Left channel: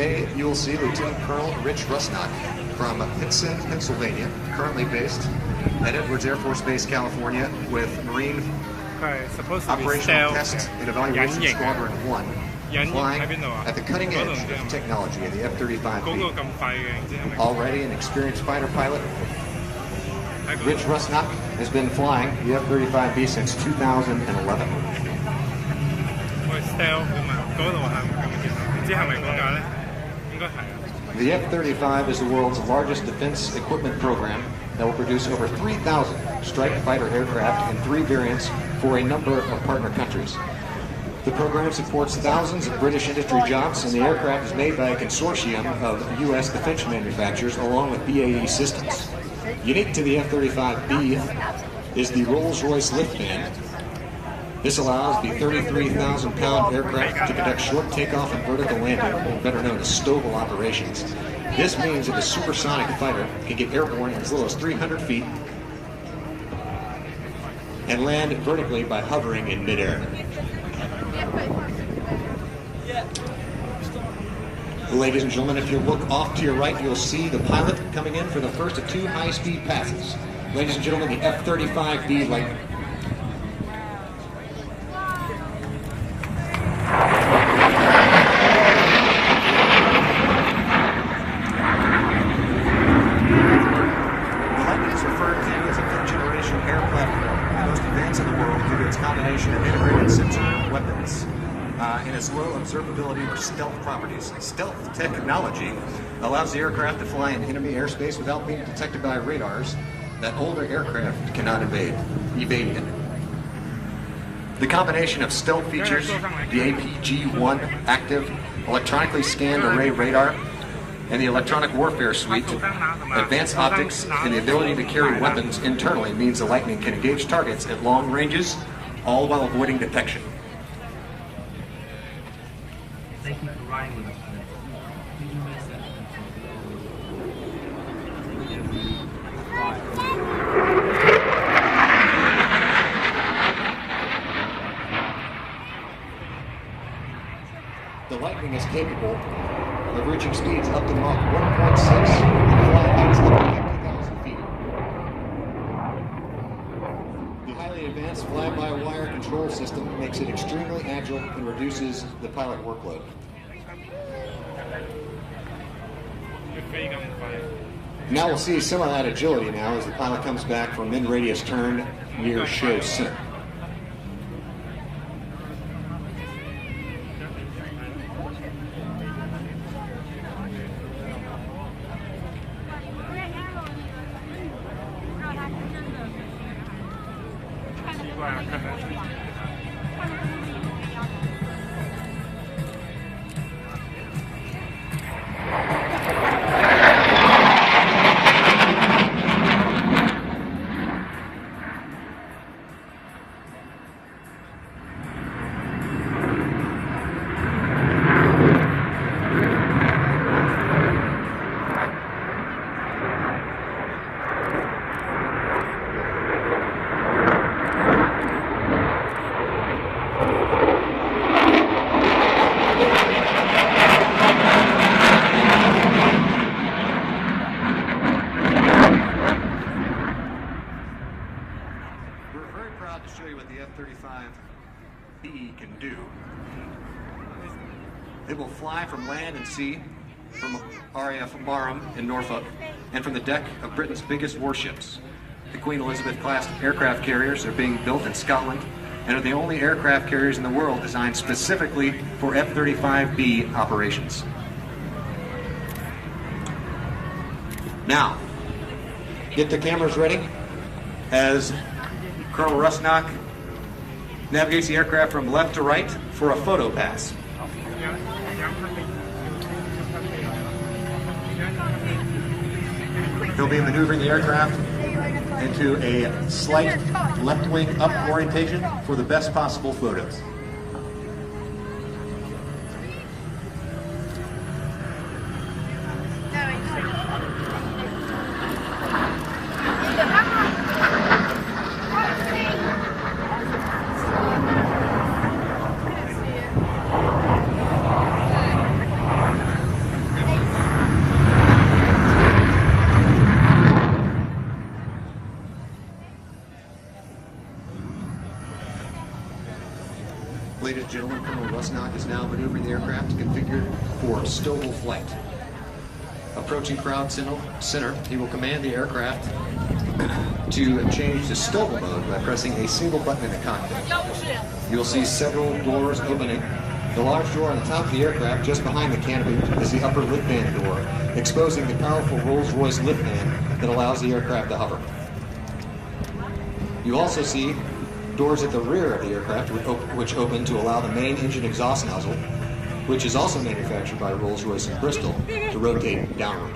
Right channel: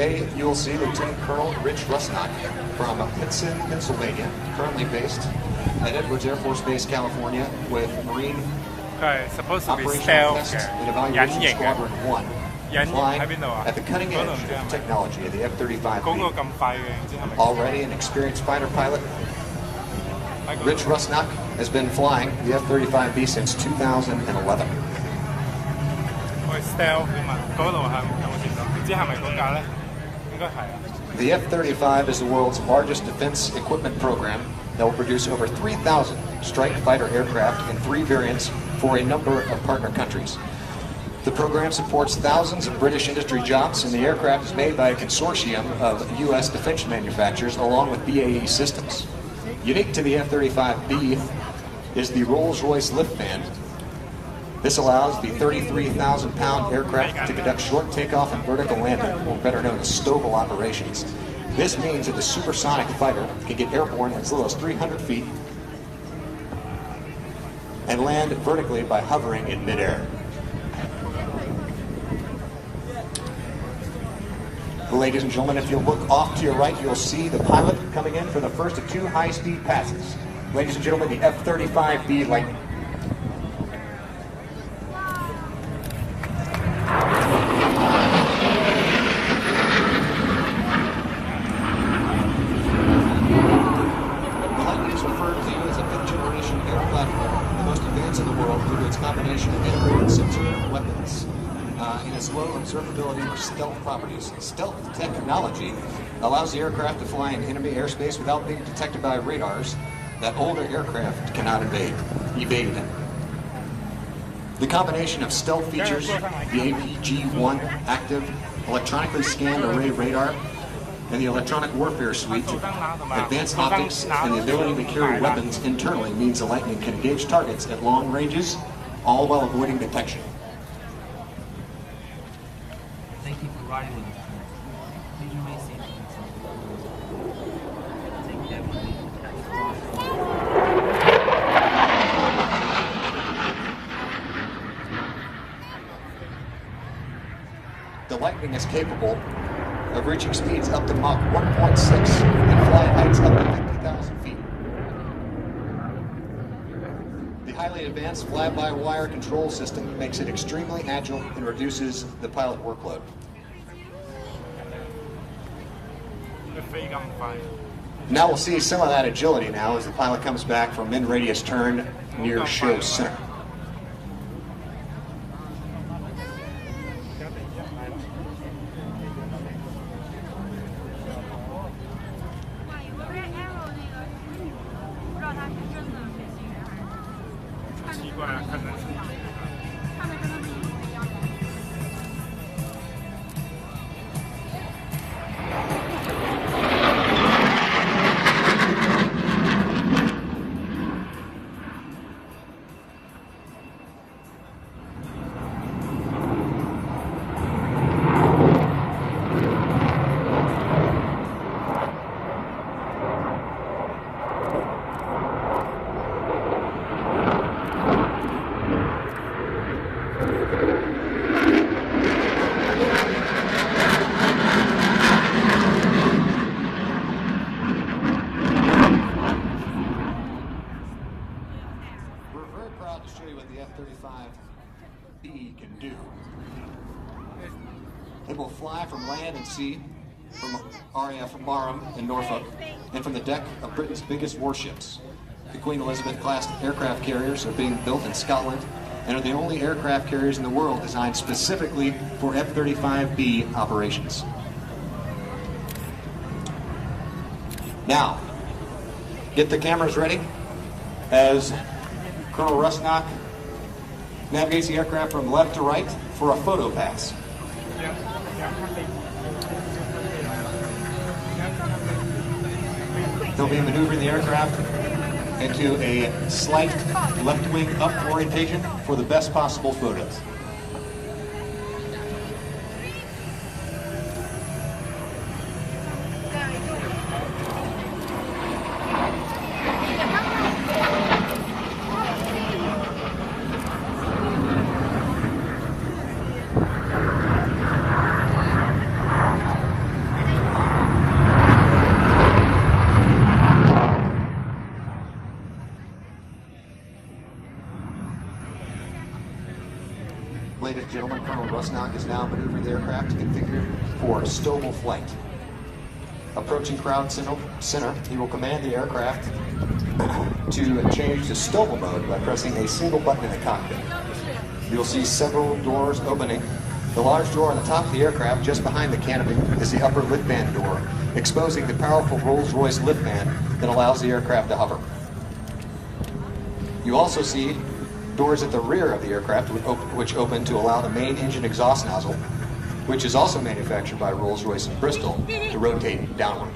Today, you will see Lieutenant Colonel Rich Rusnak from Pittston, Pennsylvania, currently based at Edwards Air Force Base, California, with Marine Operational Test and Evaluation Squadron 1, flying at the cutting edge of technology in the F-35B. Already an experienced fighter pilot, Rich Rusnak has been flying the F-35B since 2011. The F-35 is the world's largest defense equipment program that will produce over 3,000 strike fighter aircraft in 3 variants for a number of partner countries. The program supports thousands of British industry jobs, and the aircraft is made by a consortium of U.S. defense manufacturers along with BAE Systems. Unique to the F-35B is the Rolls-Royce lift fan. This allows the 33,000-pound aircraft to conduct short takeoff and vertical landing, or better known as STOVL operations. This means that the supersonic fighter can get airborne as low as 300 feet and land vertically by hovering in midair. Ladies and gentlemen, if you look off to your right, you'll see the pilot coming in for the first of 2 high-speed passes. Ladies and gentlemen, the F-35B Lightning. The Lightning is referred to as a fifth-generation air platform, the most advanced in the world due to its combination of integrated sensor weapons and its low observability or stealth properties. Stealth technology allows the aircraft to fly in enemy airspace without being detected by radars that older aircraft cannot evade. The combination of stealth features, the APG-1 active electronically scanned array radar, and the electronic warfare suite, advanced optics, and the ability to carry weapons internally means the Lightning can engage targets at long ranges, all while avoiding detection. Thank you for riding with us today. The Lightning is capable of reaching speeds up to Mach 1.6 and flying heights up to 50,000 feet. The highly advanced fly-by-wire control system makes it extremely agile and reduces the pilot workload. Now we'll see some of that agility now as the pilot comes back from mid-radius turn near show center. To show you what the F-35B can do. It will fly from land and sea, from RAF Barham in Norfolk, and from the deck of Britain's biggest warships. The Queen Elizabeth-class aircraft carriers are being built in Scotland and are the only aircraft carriers in the world designed specifically for F-35B operations. Now, get the cameras ready as Colonel Rusnak navigates the aircraft from left to right for a photo pass. He'll be maneuvering the aircraft into a slight left wing up orientation for the best possible photos. Ladies and gentlemen, Colonel Rusnak is now maneuvering the aircraft configured for STOVL flight. Approaching crowd center, he will command the aircraft to change to STOVL mode by pressing a single button in the cockpit. You'll see several doors opening. The large door on the top of the aircraft, just behind the canopy, is the upper lift band door, exposing the powerful Rolls-Royce lift band that allows the aircraft to hover. You also see doors at the rear of the aircraft which open to allow the main engine exhaust nozzle, which is also manufactured by Rolls-Royce in Bristol, to rotate downward.